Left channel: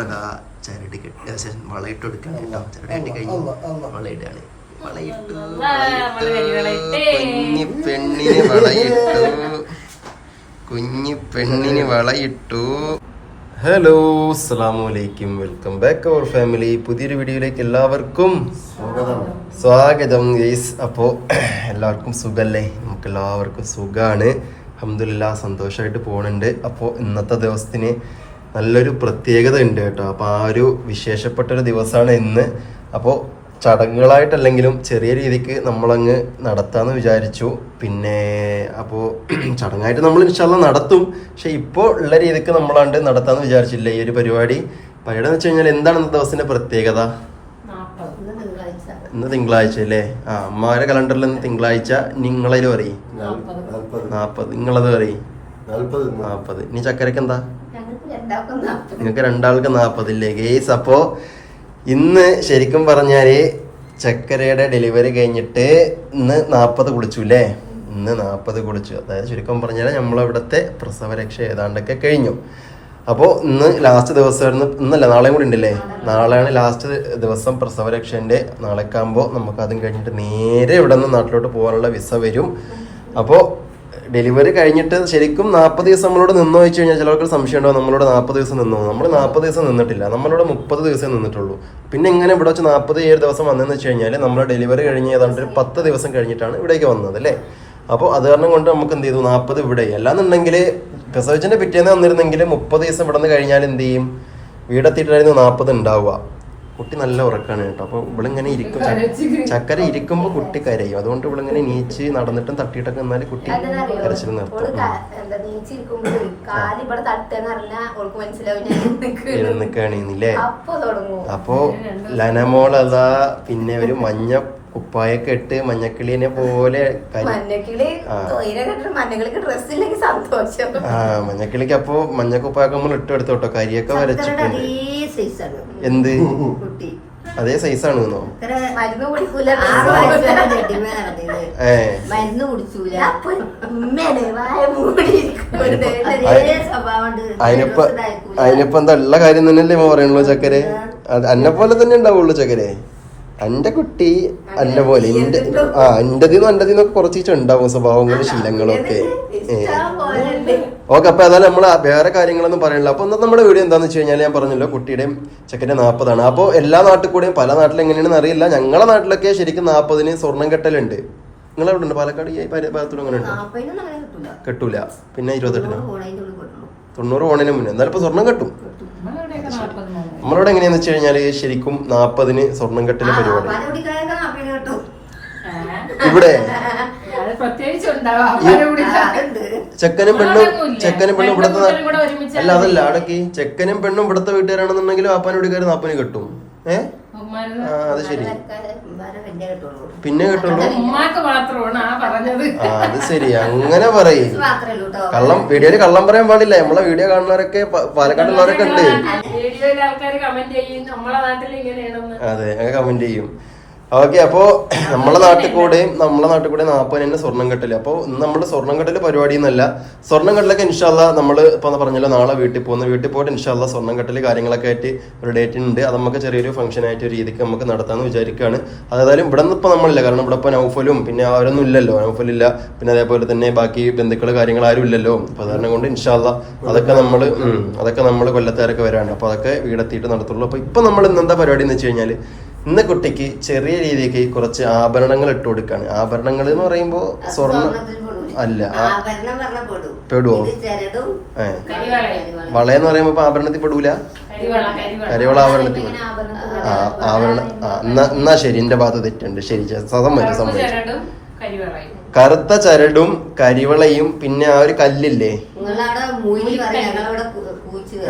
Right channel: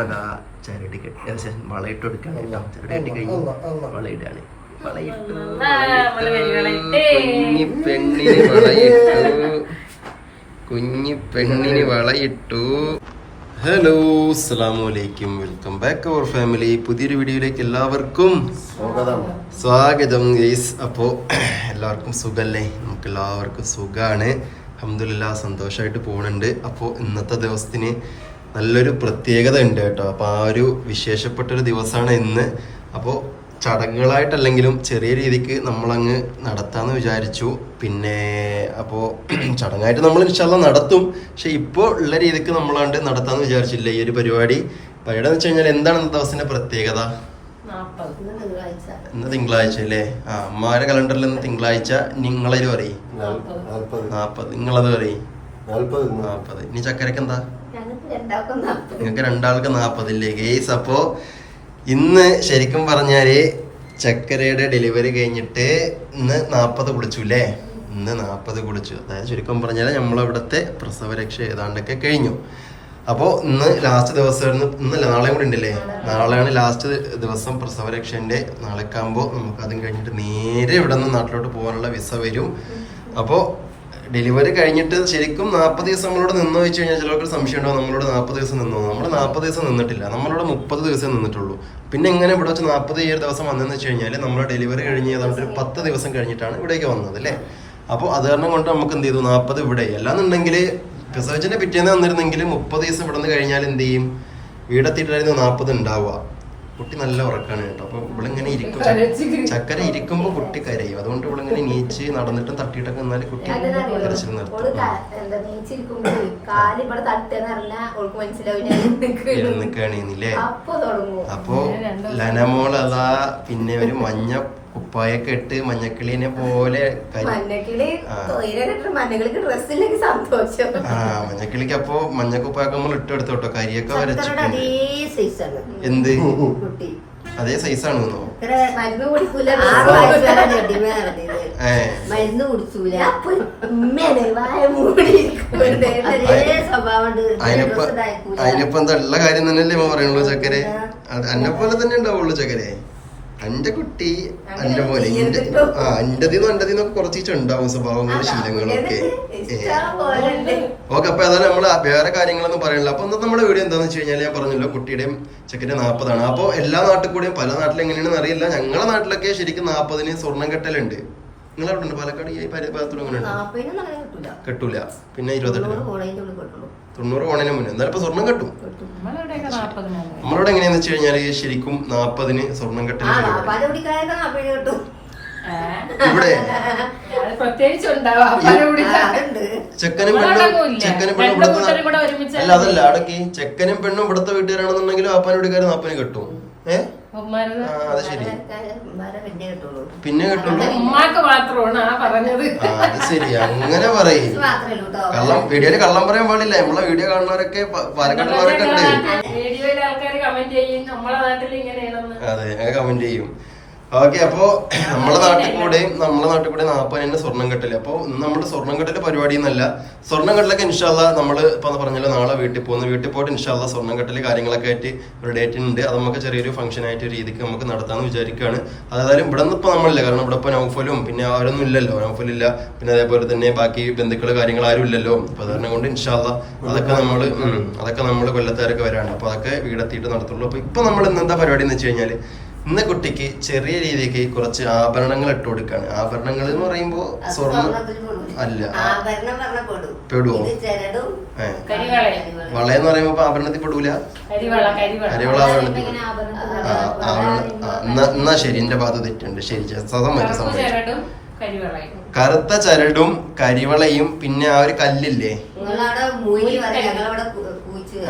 അതാ ചരടി കെട്ടി വളയിട്ട് കൊടുക്കാൻ കേട്ടോ. ചരടി കെട്ടി കഴിഞ്ഞ് വളയിടാണ്. വളയിട്ടു കുഞ്ഞി പെണ്ണിന് വളയിട്ടു. കുഞ്ഞി പെണ്ണിന് വളയിട്ടു. ഹലോ അസ്സലാമു അലൈക്കും, വെൽക്കം ബാക്ക് അവർ ഫാമിലി. പുതിയൊരു വീഡിയോയിലേക്ക് എല്ലാവർക്കും സ്വാഗതം ഗൈസ്. അപ്പോൾ എല്ലാവർക്കും സുഖല്ലേ? നമുക്ക് എല്ലാവർക്കും സുഖമാണ്, അൽഹംദുലില്ലാഹ്. സന്തോഷമായിട്ട് പോകുന്നുണ്ട്. അപ്പോൾ ഇന്നത്തെ ദിവസത്തിന് നല്ലൊരു പ്രത്യേകത ഉണ്ട് കേട്ടോ. അപ്പോൾ ആ ഒരു വിശേഷപ്പെട്ടൊരു ദിവസമാണ് ഇന്ന്. അപ്പോൾ ചടങ്ങുകളായിട്ടല്ലെങ്കിലും ചെറിയ രീതിക്ക് നമ്മളങ്ങ് നടത്താമെന്ന് വിചാരിച്ചു. പിന്നെ അപ്പോൾ ചടങ്ങായിട്ട് നമ്മൾ ഇൻഷാല്ലാ നടത്തും. പക്ഷെ ഇപ്പോൾ ഉള്ള രീതിക്ക് നമ്മളാണ്ട് നടത്താമെന്ന് വിചാരിച്ചില്ല ഈ ഒരു പരിപാടി. പരിപാടി എന്ന് വെച്ച് കഴിഞ്ഞാൽ എന്താണ് ഇന്നത്തെ ദിവസത്തിന്റെ പ്രത്യേകത? ഇന്ന് തിങ്കളാഴ്ച അല്ലേ? അമ്മാരെ കലണ്ടറിൽ ഇന്ന് തിങ്കളാഴ്ച. നിങ്ങളതിൽ പറയും 40, നിങ്ങളത് പറയും 40. ഇനി ചക്കരക്ക് എന്താ? നിങ്ങൾക്ക് രണ്ടാൾക്ക് 40 ഇല്ലേ ഗേസ്? അപ്പോൾ ഇന്ന് ശരിക്കും പറഞ്ഞാൽ ചക്കരയുടെ ഡെലിവറി കഴിഞ്ഞിട്ട് ഇന്ന് 40 കുളിച്ചു അല്ലേ? ഇന്ന് 40 കുളിച്ചു. അതായത് ചുരുക്കം പറഞ്ഞാൽ നമ്മളിവിടുത്തെ പ്രസവരക്ഷ ഏതാണ്ടൊക്കെ കഴിഞ്ഞു. അപ്പോൾ ഇന്ന് ലാസ്റ്റ് ദിവസമായിരുന്നു. ഇന്നല്ല, നാളെയും കൂടി ഉണ്ടല്ലേ? നാളെയാണ് ലാസ്റ്റ് ദിവസം പ്രസവരക്ഷൻ്റെ. നാളേക്കാകുമ്പോൾ നമുക്ക് അതും കഴിഞ്ഞിട്ട് നേരെ ഇവിടെ നിന്ന് നാട്ടിലോട്ട് പോകാനുള്ള വിസ വരും. അപ്പോൾ ഡെലിവറി കഴിഞ്ഞിട്ട് ശരിക്കും 40 ദിവസം നമ്മളോട് നിന്നോ വെച്ച് കഴിഞ്ഞാൽ ചിലർക്ക് സംശയം ഉണ്ടാവും, നമ്മളോട് 40 ദിവസം നിന്നോ. നമ്മൾ 40 ദിവസം നിന്നിട്ടില്ല, നമ്മളോട് 30 ദിവസം നിന്നിട്ടുള്ളൂ. പിന്നെ എങ്ങനെ ഇവിടെ വെച്ച് 47 ദിവസം വന്നതെന്ന് വെച്ച് കഴിഞ്ഞാൽ നമ്മൾ ഡെലിവറി കഴിഞ്ഞ് ഏതാണ്ട് 10 ദിവസം കഴിഞ്ഞിട്ടാണ് ഇവിടേക്ക് വന്നത് അല്ലേ? അപ്പോൾ അത് കാരണം കൊണ്ട് നമുക്ക് എന്ത് ചെയ്തു, 40 ഇവിടെ. അല്ലാന്നുണ്ടെങ്കിൽ പ്രസവിച്ചതിന്റെ പിറ്റേന്ന് വന്നിരുന്നെങ്കിൽ 30 ദിവസം ഇവിടെ നിന്ന് കഴിഞ്ഞാൽ എന്ത് ചെയ്യും, വീടെത്തിയിട്ടായിരുന്നു 40 ഉണ്ടാവുക. കുട്ടി നല്ല ഉറക്കാണ് കേട്ടോ. അപ്പോൾ ഇവളിങ്ങനെ ഇരിക്കും, ചക്കര ഇരിക്കുമ്പോൾ കുട്ടി കരയും. അതുകൊണ്ട് ഇവളിങ്ങനെ നീച്ച് നടന്നിട്ടും തട്ടിയിട്ടൊക്കെ നിന്നാൽ കുട്ടി കരച്ചിൽ നിർത്തും. ഇരുന്നിക്കാണില്ലേ? അപ്പോ ലനമോളതാ പിന്നെ ഒരു മഞ്ഞ കുപ്പായൊക്കെ ഇട്ട് മഞ്ഞക്കിളിനെ പോലെ മഞ്ഞക്കിളിക്ക് അപ്പൊ മഞ്ഞക്കുപ്പായൊക്കെ നമ്മൾ ഇട്ടെടുത്തു കേട്ടോ. കരിയൊക്കെ വരച്ചിട്ടുണ്ട്. എന്ത് അതേ സൈസാണ് എന്നോ? അതിനിപ്പോ എന്താ ഉള്ള കാര്യം തന്നെയല്ലേ പറയുള്ളൂ ചക്കരെ? അത് അന്നെ പോലെ തന്നെ ഉണ്ടാവുള്ളൂ ചക്കരെ. എന്റെ കുട്ടി എന്റെ പോലെ എന്റെതിന്നൊക്കെ കുറച്ചിട്ട് ഉണ്ടാവും സ്വഭാവങ്ങളും ശീലങ്ങളൊക്കെ. ഓക്കെ, അപ്പൊ ഏതായാലും നമ്മള് വേറെ കാര്യങ്ങളൊന്നും പറയണില്ല. അപ്പൊ ഇന്നത്തെ നമ്മുടെ വീഡിയോ എന്താന്ന് വെച്ച് കഴിഞ്ഞാൽ ഞാൻ പറഞ്ഞല്ലോ, കുട്ടിയുടെയും ചെക്കന്റെ 40 അപ്പോൾ എല്ലാ നാട്ടിൽ കൂടെയും പല നാട്ടിലും എങ്ങനെയാണെന്ന് അറിയില്ല. ഞങ്ങളെ നാട്ടിലൊക്കെ ശരിക്കും 40 സ്വർണം കെട്ടലുണ്ട്. നിങ്ങളെവിടെ ഉണ്ട്? പാലക്കാട് ഈ ഭാഗത്തോട് അങ്ങനെ ഉണ്ട്? കെട്ടൂല. പിന്നെ 28 90 ഓണിന് മുന്നേ എന്നാലും ഇപ്പൊ സ്വർണം കെട്ടും. നമ്മളിവിടെ എങ്ങനെയാന്ന് വെച്ച് കഴിഞ്ഞാല് ശരിക്കും 40 സ്വർണം കെട്ടല് പരിപാടി ഇവിടെ. ചെക്കനും പെണ്ണും ഇവിടത്തെ അല്ല, അതല്ല അടക്കി ചെക്കനും പെണ്ണും ഇവിടത്തെ വീട്ടുകാരാണെന്നുണ്ടെങ്കിലും ആപ്പാനും വീട്ടുകാർ 40 കെട്ടും. അത് ശരി, പിന്നെ കേട്ടുള്ളൂ. അത് ശരി, അങ്ങനെ പറയും. വീഡിയോയില് കള്ളം പറയാൻ പാടില്ല. നമ്മളെ വീഡിയോ കാണുന്നവരൊക്കെ പാലക്കാടുള്ളവരൊക്കെ ഉണ്ട്. അതെ, അങ്ങനെ കമന്റ് ചെയ്യും. ഓക്കെ, അപ്പോ നമ്മളെ നാട്ടിൽ കൂടെ 40 സ്വർണം കെട്ടല്. അപ്പോൾ നമ്മുടെ സ്വർണം കെട്ടല് പരിപാടി എന്നല്ല. സ്വർണം കെട്ടലൊക്കെ ഇൻഷാല്ലാ നമ്മൾ ഇപ്പൊ പറഞ്ഞല്ലോ നാളെ വീട്ടിൽ പോയിട്ട് ഇൻഷാല്ലാ സ്വർണം കെട്ടല് കാര്യങ്ങളൊക്കെ ആയിട്ട് ഒരു ഡേറ്റ് ഉണ്ട്. അത് നമുക്ക് ചെറിയൊരു ഫംഗ്ഷൻ ആയിട്ട് രീതിക്ക് നമുക്ക് നടത്താമെന്ന് വിചാരിക്കുകയാണ്. അതായത് ഇവിടെ നിന്ന് ഇപ്പൊ നമ്മളില്ല, കാരണം ഇവിടെ ഇപ്പൊ നൗഫലും പിന്നെ അവരൊന്നും ഇല്ലല്ലോ. നൗഫലില്ല, പിന്നെ അതേപോലെ തന്നെ ബാക്കി ബന്ധുക്കള് കാര്യങ്ങൾ ആരും ഇല്ലല്ലോ. അപ്പൊ അതുകാരണം കൊണ്ട് ഇൻഷാല്ലാ അതൊക്കെ നമ്മള് കൊല്ലത്തുകാരൊക്കെ വരാണ്ട്. അപ്പൊ അതൊക്കെ വീടെത്തിയിട്ട് നടത്തുള്ളൂ. അപ്പൊ ഇപ്പൊ നമ്മൾ ഇന്നെന്താ പരിപാടി എന്ന് വെച്ച് കഴിഞ്ഞാല്, ഇന്ന് കുട്ടിക്ക് ചെറിയ രീതിക്ക് കുറച്ച് ആഭരണങ്ങൾ ഇട്ട് കൊടുക്കാണ്. ആഭരണങ്ങൾ എന്ന് പറയുമ്പോ സ്വർണ്ണം അല്ല, പെടുവോ? വളയെന്ന് പറയുമ്പോ ആഭരണത്തിൽ പെടൂല. കരിവള ആഭരണത്തിൽ എന്നാ ശരി, എന്റെ ഭാഗത്ത് തെറ്റുണ്ട്. ശരി, സമ്മതിച്ചു. കറുത്ത ചരടും കരിവളയും പിന്നെ ആ ഒരു കല്ലില്ലേ,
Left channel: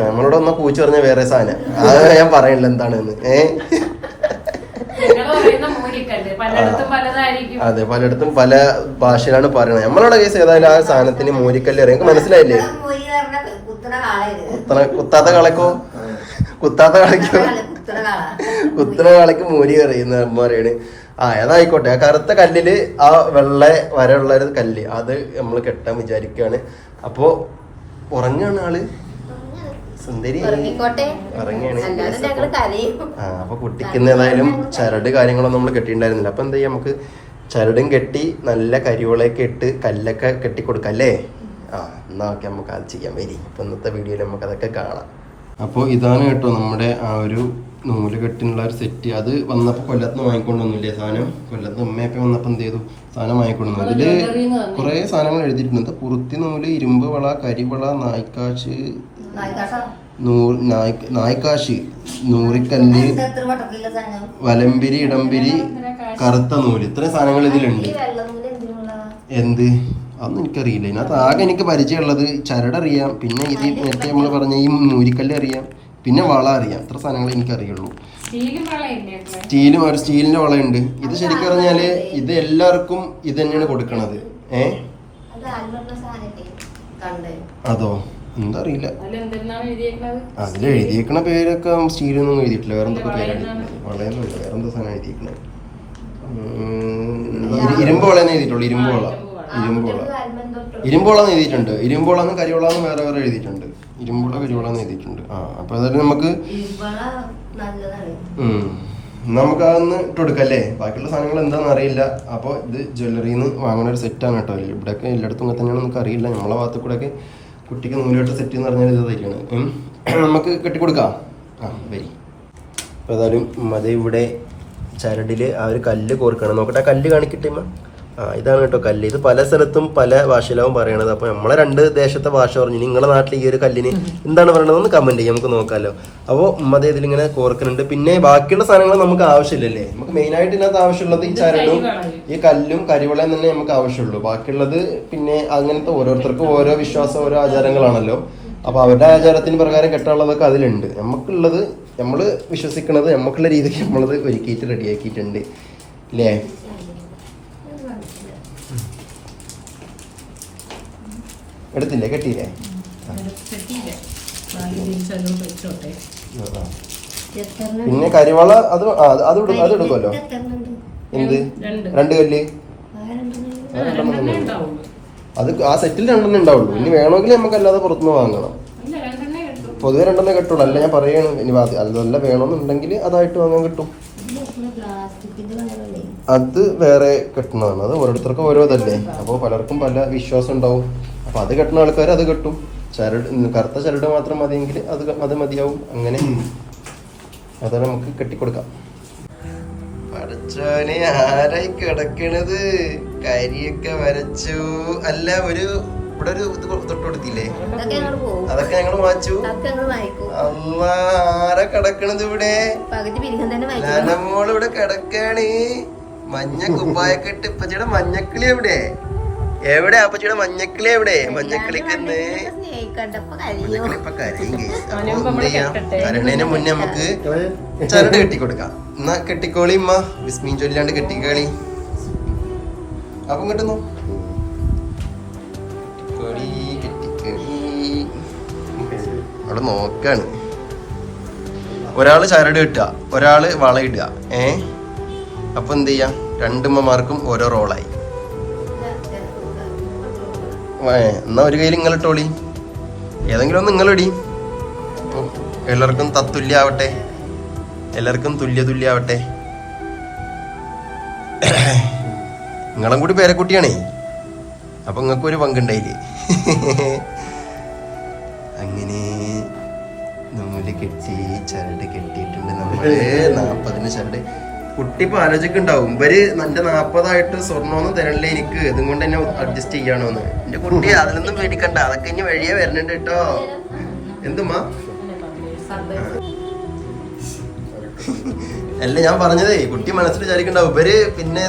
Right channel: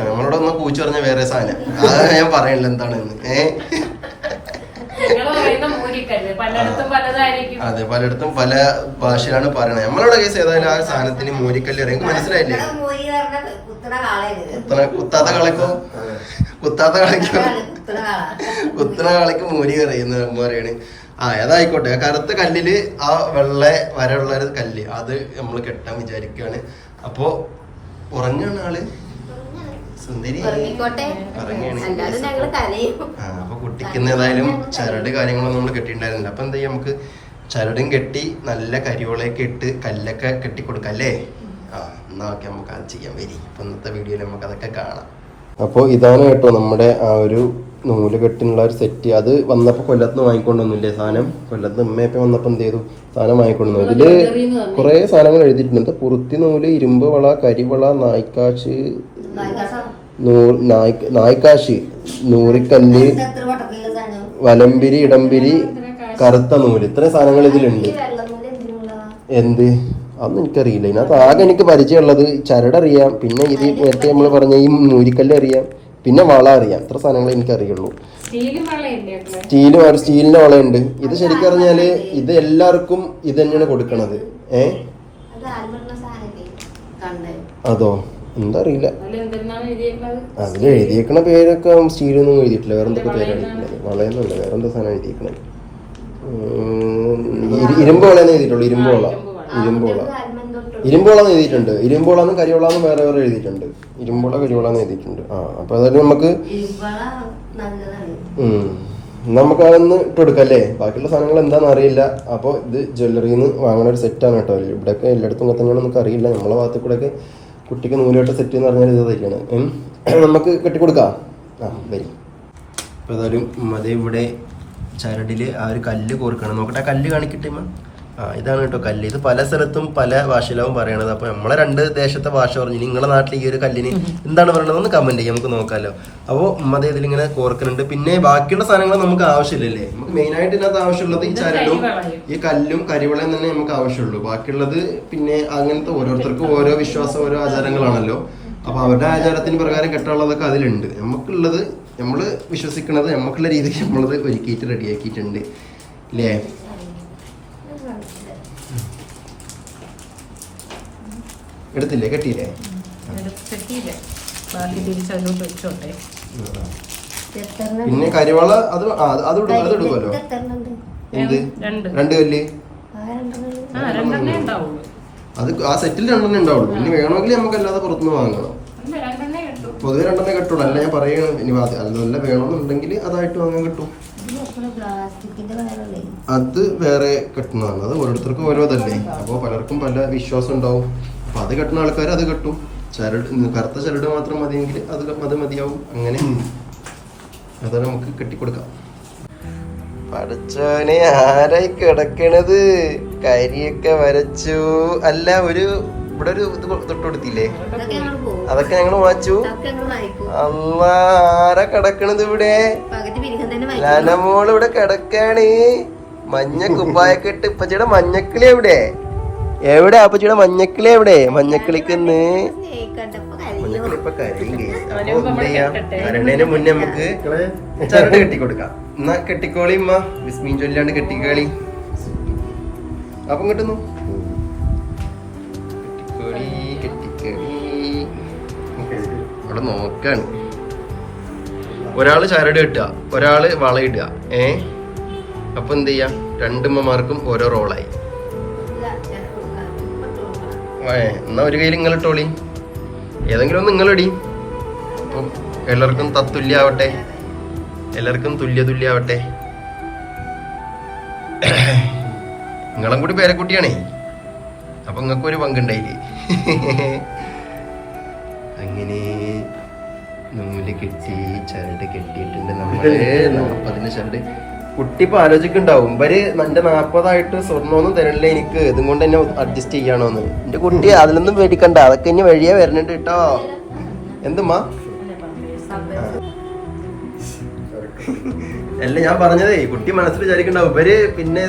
നമ്മളോട് ഒന്ന് കൂച്ചു പറഞ്ഞ വേറെ സാധനം. അത് ഞാൻ പറയണില്ല എന്താണെന്ന്. അതെ, പലയിടത്തും പല ഭാഷയിലാണ് പറയണത്. നമ്മളുടെ കേസ് ഏതായാലും ആ സാധനത്തിന് മൂരിക്കല്ല് അറിയാം. മനസ്സിലായില്ലേ? കുത്താത്ത കളക്കോ? കുത്തണ കളക്ക് മൂരി അറിയുന്ന പറയണ്. ഏതായിക്കോട്ടെ. ആ കറുത്ത കല്ലില് ആ വെള്ള വരയുള്ള ഒരു കല്ല്, അത് നമ്മൾ കെട്ടാൻ വിചാരിക്കുകയാണ്. അപ്പോ ഉറങ്ങാണ് ആള്. സുന്ദരി ഉറങ്ങിയാണ്. അപ്പൊ കുട്ടിക്ക് ഏതായാലും ചരട് കാര്യങ്ങളൊന്നും നമ്മൾ കെട്ടിയിട്ടുണ്ടായിരുന്നില്ല. അപ്പൊ എന്താ ചെയ്യാ, നമുക്ക് ചരടും കെട്ടി നല്ല കരിവളയൊക്കെ ഇട്ട് കല്ലൊക്കെ കെട്ടി കൊടുക്കാം അല്ലേ? എന്നാ ഓക്കെ, നമുക്ക് അത് ചെയ്യാൻ വരി. അപ്പൊ ഇന്നത്തെ വീഡിയോയിൽ നമുക്ക് അതൊക്കെ കാണാം. അപ്പോൾ ഇതാണ് കേട്ടോ നമ്മുടെ ആ ഒരു നൂല് കെട്ടിനുള്ള ഒരു സെറ്റ്. അത് വന്നപ്പോൾ കൊല്ലത്ത് വാങ്ങിക്കൊണ്ടൊന്നുമില്ലേ സാധനം. കൊല്ലത്ത് അമ്മയൊക്കെ വന്നപ്പോൾ എന്ത് ചെയ്തു, സാധനം വാങ്ങിക്കൊണ്ടു. ഇതില് കുറെ സാധനങ്ങൾ എഴുതിയിട്ടുണ്ട്. പുറത്തി നൂല്, ഇരുമ്പ് വള, കരിവള, നായ്ക്കാശ്, നായ്ക്കാശ്, നൂറിക്കല്ല്, വലമ്പിരി, ഇടംപിരി, കറുത്ത നൂല്, ഇത്രയും സാധനങ്ങൾ ഇതിലുണ്ട്. എന്ത് അതൊന്നും എനിക്കറിയില്ല. ഇതിനകത്ത് ആകെ എനിക്ക് പരിചയമുള്ളത് ചരടറിയാം, പിന്നെ ഇത് നേരത്തെ നമ്മൾ പറഞ്ഞ ഈ നൂരിക്കല്ല് അറിയാം, പിന്നെ വള അറിയാം. ഇത്ര സാധനങ്ങൾ എനിക്കറിയുള്ളൂ. സ്റ്റീലിന്റെ വളയുണ്ട്. ഇത് ശരിക്കും പറഞ്ഞാല് ഇത് എല്ലാവർക്കും ഇത് തന്നെയാണ് കൊടുക്കണത്. അതോ എന്താ അറിയില്ല. അതിൽ എഴുതിയേക്കണ പേരൊക്കെ സ്റ്റീലൊന്നും എഴുതിയിട്ടില്ല. വേറെന്തൊക്കെ പേരാണ് എഴുതിയിട്ടുള്ളത്. വളയൊന്നുമില്ല, വേറെന്താ സാധനം എഴുതിയേക്കണത്. ഇരുമ്പ് വളയെന്ന് എഴുതിയിട്ടുള്ളൂ. ഇരുമ്പോളാന്ന് എഴുതിയിട്ടുണ്ട്. ഇരുമ്പോളാന്ന് കരിവളാന്ന് വേറെ വേറെ എഴുതിയിട്ടുണ്ട്. ഇരുമ്പോള കരിവളാന്ന് എഴുതിയിട്ടുണ്ട്. അപ്പൊ അതായത് നമുക്ക് നമുക്ക് അതൊന്ന് ഇട്ട് കൊടുക്കാം അല്ലേ? ബാക്കിയുള്ള സാധനങ്ങൾ എന്താണെന്ന് അറിയില്ല. അപ്പോൾ ഇത് ജ്വല്ലറിന്ന് വാങ്ങുന്ന ഒരു സെറ്റാണ് കേട്ടോ. ഇവിടെയൊക്കെ എല്ലായിടത്തും തന്നെയാണ്, നമുക്ക് അറിയില്ല. നമ്മളെ ഭാഗത്ത് കൂടെ ഒക്കെ കുട്ടിക്ക് നൂലുകെട്ട സെറ്റ് എന്ന് പറഞ്ഞാൽ ഇത് തയ്ക്കണം. നമുക്ക് കെട്ടിക്കൊടുക്കാം. വരി. അപ്പോൾ ഏതായാലും മതി. ഇവിടെ ചരടില് ആ ഒരു കല്ല് കോർക്കണം. നോക്കട്ടെ, കല്ല് കാണിക്കട്ടെ. ഇതാണ് കേട്ടോ കല്ല്. ഇത് പല സ്ഥലത്തും പല ഭാഷയിലാവും പറയണത്. അപ്പൊ നമ്മളെ രണ്ട് ദേശത്തെ ഭാഷ പറഞ്ഞു. നിങ്ങളുടെ നാട്ടിൽ ഈ ഒരു കല്ലിന് എന്താണ് പറയണത് ഒന്ന് കമന്റ് ചെയ്യാം, നമുക്ക് നോക്കാമല്ലോ. അപ്പോൾ ഉമ്മ ഇതിലിങ്ങനെ കോർക്കുന്നുണ്ട്. പിന്നെ ബാക്കിയുള്ള സാധനങ്ങൾ നമുക്ക് ആവശ്യമില്ലല്ലേ? നമുക്ക് മെയിൻ ആയിട്ട് ഇതിനകത്ത് ആവശ്യമുള്ളത് ഈ ചരടും ഈ കല്ലും കരിവളയും തന്നെ നമുക്ക് ആവശ്യമുള്ളൂ. ബാക്കിയുള്ളത് പിന്നെ അങ്ങനത്തെ ഓരോരുത്തർക്കും ഓരോ വിശ്വാസം, ഓരോ ആചാരങ്ങളാണല്ലോ. അപ്പൊ അവരുടെ ആചാരത്തിന് പ്രകാരം കെട്ടാനുള്ളതൊക്കെ അതിലുണ്ട്. നമുക്കുള്ളത് നമ്മൾ വിശ്വസിക്കുന്നത് നമുക്കുള്ള രീതിക്ക് നമ്മളത് ഒരുക്കിയിട്ട് റെഡിയാക്കിയിട്ടുണ്ട് അല്ലേ? എടുത്തില്ലേ? കെട്ടിയില്ലേ? പിന്നെ കരിവള അത് എടുക്കുമല്ലോ. എന്ത് 2 കല്ല്? അത് ആ സെറ്റിൽ 2 ഉണ്ടാവുള്ളൂ. ഇനി വേണമെങ്കിൽ നമുക്ക് അല്ലാതെ പുറത്തുനിന്ന് വാങ്ങണം. പൊതുവെ 2 കെട്ടുള്ളൂ. അല്ല ഞാൻ പറയാണ്, ഇനി അതിലല്ല വേണമെന്നുണ്ടെങ്കിൽ അതായിട്ട് വാങ്ങാൻ കിട്ടും. അത് വേറെ കെട്ടണമാണ്. അത് ഓരോരുത്തർക്കും ഓരോ ഇതല്ലേ. അപ്പോൾ പലർക്കും പല വിശ്വാസം ഉണ്ടാവും. അപ്പൊ അത് കെട്ടുന്ന ആൾക്കാർ അത് കെട്ടും. ചരട് കറുത്ത ചരട് മാത്രം മതിയെങ്കിൽ അത് മതിയാവും. അങ്ങനെ അത് നമുക്ക് കെട്ടിക്കൊടുക്കാം. പഠിച്ചോനെ, ആരായി കിടക്കണത്? കരിയൊക്കെ വരച്ചു. അല്ല, ഇവിടെ ഒരു ഇത് തൊട്ട് കൊടുത്തില്ലേ? അതൊക്കെ ഞങ്ങൾ വായിച്ചു. അമ്മ, ആരാ കിടക്കണത് ഇവിടെ? ലനമോള് ഇവിടെ കിടക്കാണ്. മഞ്ഞ കുപ്പായൊക്കെ ഇട്ട്. ഇപ്പച്ചിയുടെ മഞ്ഞക്കിളി എവിടെ? അപ്പച്ചിയുടെ മഞ്ഞക്കിളി എവിടെ? മഞ്ഞക്കിളിക്കൊന്ന് മഞ്ഞക്കിളി ഇപ്പൊ കരയും കേസ്. അപ്പൊ എന്ത് ചെയ്യാം, കരണ്ടതിന് മുന്നേ നമുക്ക് ചരട് കെട്ടിക്കൊടുക്കാം. എന്നാ കെട്ടിക്കോളി ഉമ്മ, വിസ്മീൻ ചൊല്ലാണ്ട് കെട്ടിക്കോളി. അപ്പം കിട്ടുന്നു. അവിടെ നോക്കാണ്. ഒരാള് ചരട് കെട്ടുക, ഒരാള് വളയിടുക. അപ്പൊ എന്ത് ചെയ്യാം, 2 ഉമ്മമാർക്കും ഓരോ റോളായി. എന്നാ ഒരു കയ്യിൽ നിങ്ങളിട്ടോളി, ഏതെങ്കിലും ഒന്ന് നിങ്ങളിടി. അപ്പൊ എല്ലാവർക്കും തത്തുല്യാവട്ടെ, എല്ലാവർക്കും തുല്യാവട്ടെ. നിങ്ങളും കൂടി പേരക്കുട്ടിയാണേ. അപ്പൊ നിങ്ങൾക്കൊരു പങ്കുണ്ടായില്ലേ? അങ്ങനെ നൂല് കെട്ടി ചരട് കെട്ടിയിട്ടുണ്ട് നമ്മള്. 40 ചരട്. കുട്ടി ഇപ്പൊ ആലോചിക്കുണ്ടാവും, ഇവര് എന്റെ 40 സ്വർണ്ണമൊന്നും തരണില്ലേ എനിക്ക്, ഇതും കൊണ്ട് എന്നെ അഡ്ജസ്റ്റ് ചെയ്യണോന്ന്. എന്റെ കുട്ടി അതിലൊന്നും പേടിക്കണ്ട, അതൊക്കെ ഇനി വഴിയേ വരുന്നുണ്ട് കേട്ടോ. എന്തുമാ? അല്ല, ഞാൻ പറഞ്ഞതേ, കുട്ടി മനസ്സിൽ വിചാരിക്കണ്ടാവും ഇവര് പിന്നെ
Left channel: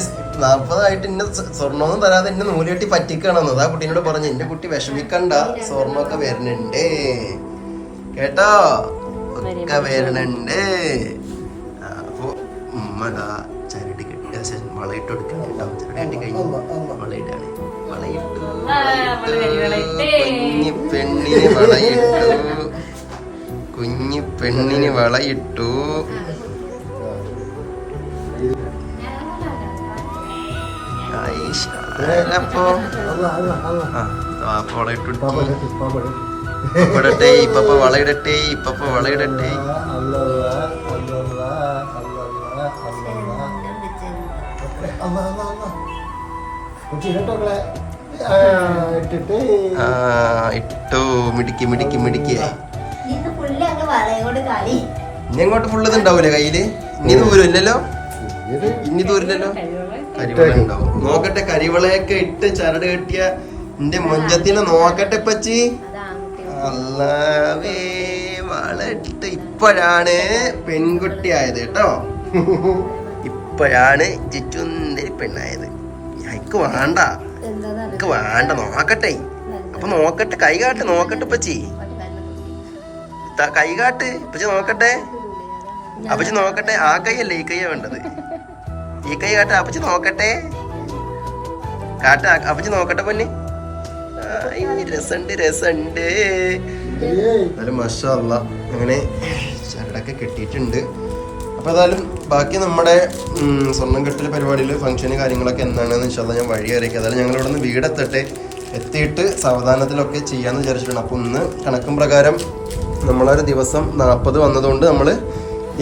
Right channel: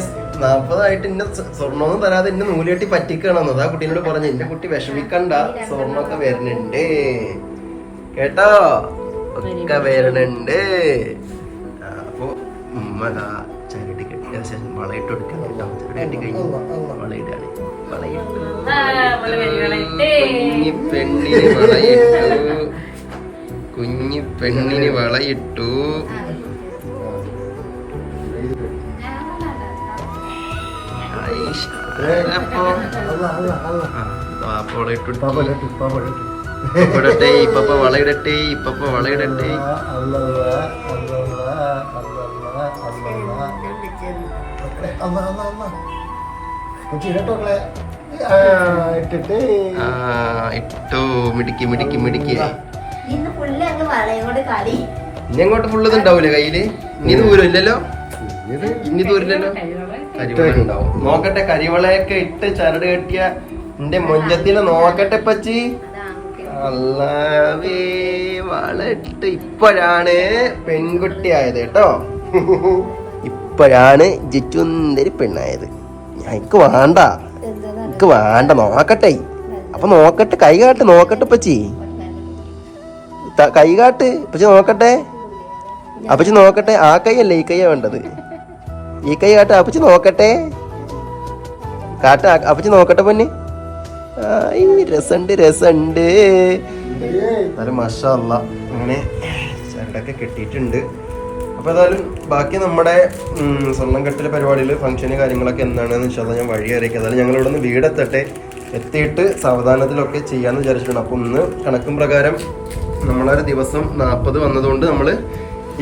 40 ഇന്നെ സ്വർണ്ണമൊന്നും തരാതെ എന്നെ നൂല് കെട്ടി പറ്റിക്കണമെന്ന്. അതാ കുട്ടീനോട് പറഞ്ഞു, എന്റെ കുട്ടി വിഷമിക്കണ്ട, സ്വർണ്ണമൊക്കെ വരുന്നുണ്ട് കേട്ടോ, ഒക്കെ വരുന്നുണ്ട്. അപ്പൊ ഉമ്മതാ ചരട് കെട്ടി വളയിട്ട് കൊടുക്കാൻ കേട്ടോ. ചരട് കെട്ടി കഴിഞ്ഞു വളയിട്ടാണ്. വളയിട്ടു, കുഞ്ഞി പെണ്ണിന് വളയിട്ടു, കുഞ്ഞി പെണ്ണിന് വളയിട്ടു. അപ്പൊ വളയിട്ടു. ഇടട്ടെ ഇപ്പ വളയിടട്ടെ ഇപ്പ വളയിടട്ടെ. ഇട്ടു മിടിക്ക് മിടിക്ക് മിടിക്ക്. ഇനി അങ്ങോട്ട് ഫുള്ള് ഉണ്ടാവൂലേ കയ്യില്? ഇനി ദൂരമില്ലല്ലോ, ഇനി ദൂരില്ലല്ലോ. കരിവള ഉണ്ടാവും. നോക്കട്ടെ, കരിവളയൊക്കെ ഇട്ട് ചരട് കെട്ടിയ എന്റെ മൊഞ്ചത്തിനെ നോക്കട്ടെ പച്ചി. അല്ലാവേ വളട്ട്. ഇപ്പോഴാണ് പെൺകുട്ടി ആയത് കേട്ടോ. ഇപ്പോഴാണ് ജിറ്റുന്തൊരു പെണ്ണായത്. എനിക്ക് വേണ്ട, എനിക്ക് വേണ്ട. നോക്കട്ടെ, അപ്പൊ നോക്കട്ടെ, കൈ കാട്ട് നോക്കട്ടെ പച്ചി. കൈ കാട്ട് പച്ചി നോക്കട്ടെ. അപ്പച്ചി നോക്കട്ടെ. ആ കൈയല്ലേ, ഈ കൈയാ വേണ്ടത്. ഈ കൈ കാട്ട് അപ്പച്ചി നോക്കട്ടെ. കാട്ട് അപ്പച്ചി നോക്കട്ടെ പൊന്നെ. രസണ്ട് രസണ്ട്. നല്ല മാഷാ അല്ലാഹ്. അങ്ങനെ ചരടൊക്കെ കെട്ടിയിട്ടുണ്ട്. അപ്പോൾ ഏതായാലും ബാക്കി നമ്മുടെ സ്വർണ്ണം കെട്ടൽ പരിപാടിയിൽ ഫംഗ്ഷന് കാര്യങ്ങളൊക്കെ എന്താണെന്ന് ഇൻഷാല്ലാ ഞാൻ വഴി അറിയിക്കാം. ഏതായാലും ഞങ്ങൾ ഇവിടെ നിന്ന് വീടെത്തട്ടെ, എത്തിയിട്ട് സാവധാനത്തിലൊക്കെ ചെയ്യാമെന്ന് വിചാരിച്ചിട്ടുണ്ട്. അപ്പോൾ ഇന്ന് കണക്കും പ്രകാരം നമ്മളൊരു ദിവസം 40 വന്നതുകൊണ്ട് നമ്മൾ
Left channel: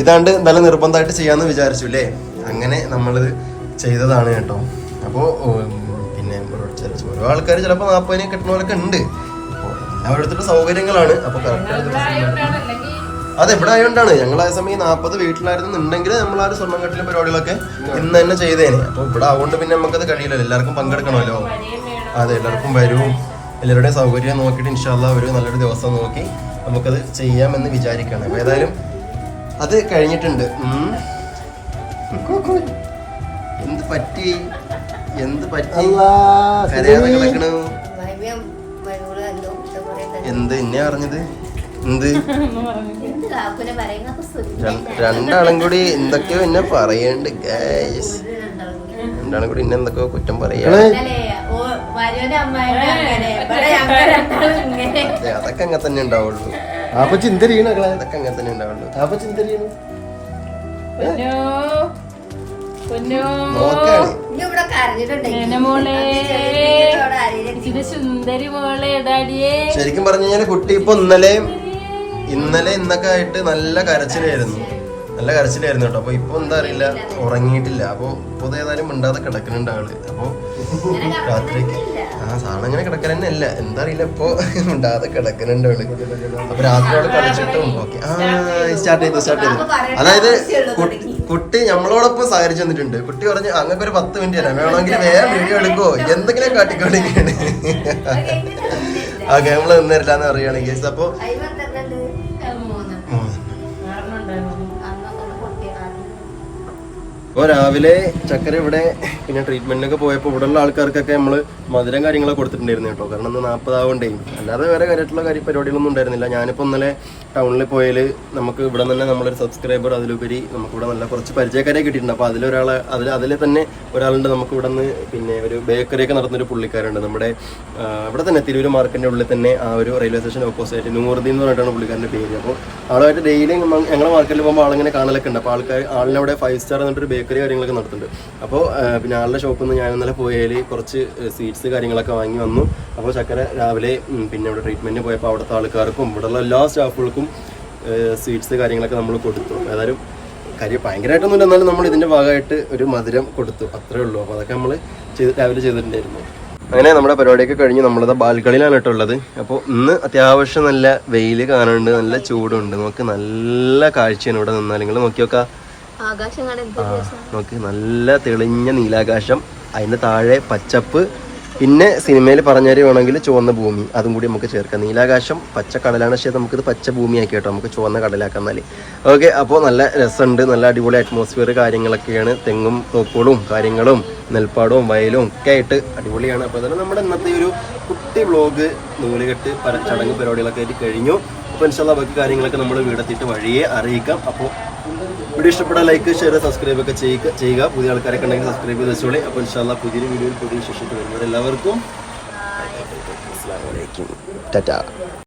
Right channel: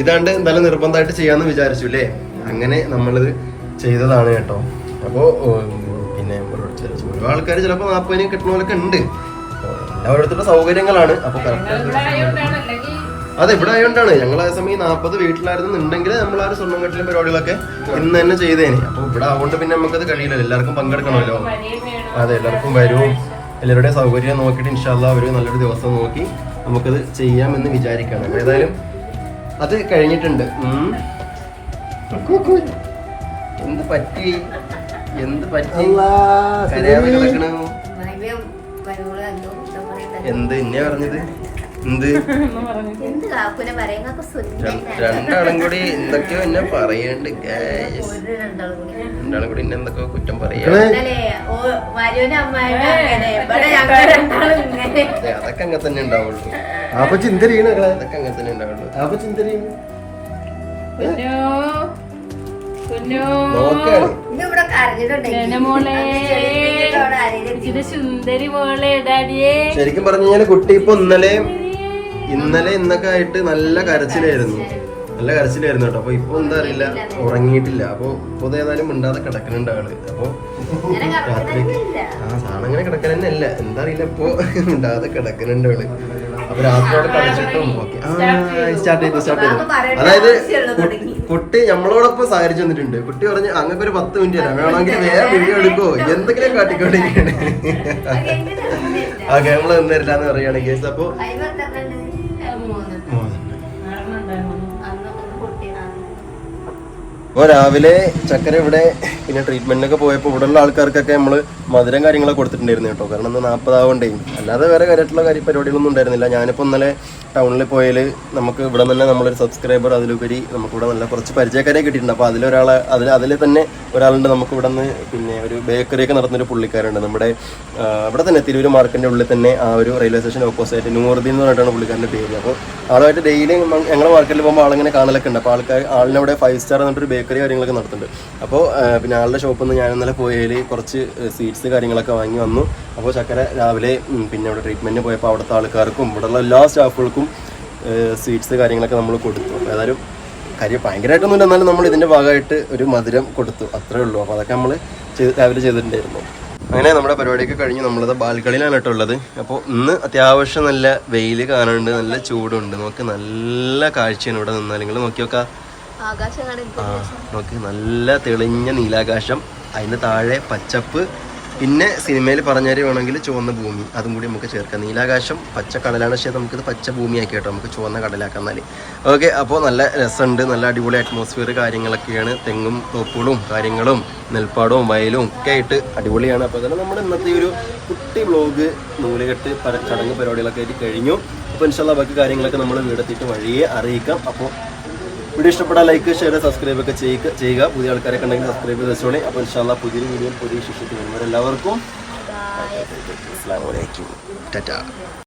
ഇതാണ്ട് നല്ല നിർബന്ധമായിട്ട് ചെയ്യാമെന്ന് വിചാരിച്ചു അല്ലേ. അങ്ങനെ നമ്മളിത് ചെയ്തതാണ് കേട്ടോ. അപ്പോൾ പിന്നെ ഓരോ ആൾക്കാർ ചിലപ്പോൾ 40 കിട്ടുന്നവരൊക്കെ ഉണ്ട്. എല്ലാവരുടെ സൗകര്യങ്ങളാണ്. അപ്പോൾ കറക്റ്റ് അത് എവിടെ ആയതുകൊണ്ടാണ് ഞങ്ങൾ ആ സമയം 40 വീട്ടിലായിരുന്നുണ്ടെങ്കിൽ നമ്മൾ ആ ഒരു സ്വർണ്ണം കെട്ടിലും പരിപാടികളൊക്കെ ഇന്ന് തന്നെ ചെയ്തേനെ. അപ്പോൾ ഇവിടെ ആവുകൊണ്ട് പിന്നെ നമുക്കത് കഴിയില്ലല്ലോ, എല്ലാവർക്കും പങ്കെടുക്കണമല്ലോ. അതെ, എല്ലാവർക്കും വരും. എല്ലാവരുടെയും സൗകര്യം നോക്കിയിട്ട് ഇൻഷാല്ലാ ഒരു നല്ലൊരു ദിവസം നോക്കി നമുക്കത് ചെയ്യാമെന്ന് വിചാരിക്കുകയാണ്. അപ്പോൾ ഏതായാലും അത് കഴിഞ്ഞിട്ടുണ്ട്. എന്ത് പറ്റി, എന്ത് പറ്റി? കരയാതെ കിടക്കണു. എന്ത് എന്നെ പറഞ്ഞത്? എന്ത് രണ്ടാളും കൂടി എന്തൊക്കെയോ എന്നെ പറയണ്ട്. രണ്ടാളും കൂടി എന്നെ എന്തൊക്കെയോ കുറ്റം പറയാ. അതൊക്കെ അങ്ങനെ തന്നെ ഉണ്ടാവുള്ളൂ. അതൊക്കെ അങ്ങനെ തന്നെ ഉണ്ടാവുള്ളൂ. ശരിക്കും പറഞ്ഞു കഴിഞ്ഞാൽ കുട്ടി ഇപ്പൊ ഇന്നലെ ഇന്നൊക്കെ ആയിട്ട് നല്ല കരച്ചിലായിരുന്നു കേട്ടോ. അപ്പൊ ഇപ്പൊ എന്താ അറിയില്ല, ഉറങ്ങിയിട്ടില്ല. അപ്പൊ ഇപ്പൊ ഏതായാലും മിണ്ടാതെ കിടക്കുന്നുണ്ട് ആള്. അപ്പൊ രാത്രിക്ക് സാധനം അങ്ങനെ കിടക്കാൻ തന്നെ അല്ല, എന്താ അറിയില്ല, ഇപ്പൊ മിണ്ടാതെ കിടക്കുന്നുണ്ട് ആള്. അപ്പൊ രാത്രി ആള് കളിച്ചിട്ടും ഓക്കെ സ്റ്റാർട്ട് ചെയ്തു. അതായത് കുട്ടി നമ്മളോടൊപ്പം സഹകരിച്ചു വന്നിട്ടുണ്ട്. കുട്ടി പറഞ്ഞ് അങ്ങക്ക് ഒരു 10 മിനിറ്റ് തരാം, വേണമെങ്കിൽ വേറെ വീഡിയോ എടുക്കോ എന്തെങ്കിലും കാട്ടിക്കൊണ്ടിരിക്കുകയാണ്. ഓക്കെ, നമ്മള് നിന്നിരില്ലാന്ന് പറയുകയാണ് കേസ്. അപ്പൊ അപ്പോൾ രാവിലെ ചക്കര ഇവിടെ പിന്നെ ട്രീറ്റ്മെന്റിനൊക്കെ പോയപ്പോൾ ഇവിടെയുള്ള ആൾക്കാർക്കൊക്കെ നമ്മൾ മധുരം കാര്യങ്ങളൊക്കെ കൊടുത്തിട്ടുണ്ടായിരുന്നു കേട്ടോ. കാരണം ഇന്ന് 40 ആവണ്ടേ. അല്ലാതെ വേറെ കാര്യമായിട്ടുള്ള പരിപാടികളൊന്നും ഉണ്ടായിരുന്നില്ല. ഞാനിപ്പോൾ ഇന്നലെ ടൗണിൽ പോയാൽ നമുക്ക് ഇവിടെ തന്നെ നമ്മളൊരു സബ്സ്ക്രൈബർ, അതിലുപരി നമുക്കിവിടെ നല്ല കുറച്ച് പരിചയക്കാരെ കിട്ടിയിട്ടുണ്ട്. അപ്പോൾ അതിൽ തന്നെ ഒരാളുണ്ട് നമുക്ക് ഇവിടെ നിന്ന്. പിന്നെ ഒരു ബേക്കറിയൊക്കെ നടത്തുന്നൊരു പുള്ളിക്കാരുണ്ട് നമ്മുടെ ഇവിടെ തന്നെ തിരൂർ മാർക്കറ്റിൻ്റെ ഉള്ളിൽ തന്നെ ആ ഒരു റെയിൽവേ സ്റ്റേഷൻ ഓപ്പോസിറ്റ് നൂറുദ്ദീൻ എന്ന് പറഞ്ഞിട്ടാണ് പുള്ളിക്കാരൻ്റെ പേര്. അപ്പോൾ ആളുമായിട്ട് ഡെയിലി ഞങ്ങളുടെ മാർക്കറ്റിൽ പോകുമ്പോൾ ആളിങ്ങനെ കാണലൊക്കെ ഉണ്ട്. അപ്പോൾ ആളിനവിടെ 5 സ്റ്റാർ എന്നിട്ടൊരു ബേക്കറി കാര്യങ്ങളൊക്കെ നടത്തുന്നുണ്ട്. അപ്പോൾ പിന്നെ ആളുടെ ഷോപ്പിൽ നിന്ന് ഞാൻ ഇന്നലെ പോയാൽ കുറച്ച് സ്വീറ്റ്സ് കാര്യങ്ങളൊക്കെ വാങ്ങി വന്നു. അപ്പോൾ ചക്കര രാവിലെ പിന്നെ ഇവിടെ ട്രീറ്റ്മെൻറ്റിന് പോയപ്പോൾ അവിടുത്തെ ആൾക്കാർക്കും ഇവിടെയുള്ള എല്ലാ സ്റ്റാഫുകൾക്കും സ്വീറ്റ്സ് കാര്യങ്ങളൊക്കെ നമ്മൾ കൊടുത്തു. അപ്പോൾ ഏതായാലും കാര്യം ഭയങ്കരമായിട്ടൊന്നുമില്ല, എന്നാലും നമ്മൾ ഇതിൻ്റെ ഭാഗമായിട്ട് ഒരു മധുരം കൊടുത്തു, അത്രേ ഉള്ളൂ. അപ്പോൾ അതൊക്കെ നമ്മൾ രാവിലെ ചെയ്തിട്ടുണ്ടായിരുന്നു. അങ്ങനെ നമ്മുടെ പരിപാടിയൊക്കെ കഴിഞ്ഞ് നമ്മളിത് ബാൽക്കണിയിലാണ് കേട്ടോ ഉള്ളത്. അപ്പോൾ ഇന്ന് അത്യാവശ്യം നല്ല വെയിൽ കാണുന്നുണ്ട്, നല്ല ചൂടുണ്ട്. നമുക്ക് നല്ല കാഴ്ചയാണ് ഇവിടെ നിന്നാൽ. നിങ്ങൾ നോക്കി നോക്കാം, നോക്ക്, നല്ല തെളിഞ്ഞ നീലാകാശം, അതിൻ്റെ താഴെ പച്ചപ്പ്, പിന്നെ സിനിമയിൽ പറഞ്ഞാൽ വേണമെങ്കിൽ ചുവന്ന ഭൂമി, അതും കൂടി നമുക്ക് ചേർക്കാം. നീലാകാശം പച്ചക്കടലാണ്, പക്ഷേ നമുക്കിത് പച്ച ഭൂമിയാക്കി കേട്ടോ, നമുക്ക് ചുവന്ന കടലാക്കാം എന്നാൽ. ഓക്കെ, അപ്പോൾ നല്ല രസമുണ്ട്, നല്ല അടിപൊളി അറ്റ്മോസ്ഫിയർ കാര്യങ്ങളൊക്കെയാണ്. തെങ്ങും തോപ്പുകളും കാര്യങ്ങളും നെൽപ്പാടവും വയലും ഒക്കെ ആയിട്ട് അടിപൊളിയാണ്. അപ്പോൾ അതാണ് നമ്മുടെ ഇന്നത്തെ ഒരു കുട്ടി വ്ളോഗ് നൂലുകെട്ട് ചടങ്ങ് പരിപാടികളൊക്കെ ആയിട്ട് കഴിഞ്ഞു. അപ്പോൾ ഇൻഷാല്ലാ ബാക്കി കാര്യങ്ങളൊക്കെ നമ്മൾ വീടെത്തിയിട്ട് വഴിയെ അറിയിക്കാം. അപ്പോൾ വീഡിയോ ഇഷ്ടപ്പെട്ടാൽ ലൈക്ക്, ഷെയർ, സബ്സ്ക്രൈബ് ഒക്കെ ചെയ്യുക. പുതിയ ആൾക്കാരൊക്കെ ഉണ്ടെങ്കിൽ സബ്സ്ക്രൈബ് ചെയ്ത് വെച്ചോളി. അപ്പോൾ ഇൻഷാല്ലാ പുതിയൊരു വീഡിയോയിൽ പുതിയ ശിഷ്യത്ത് വരുന്നവരെല്ലാവർക്കും അസ്സലാമു അലൈക്കും, ടാറ്റാ.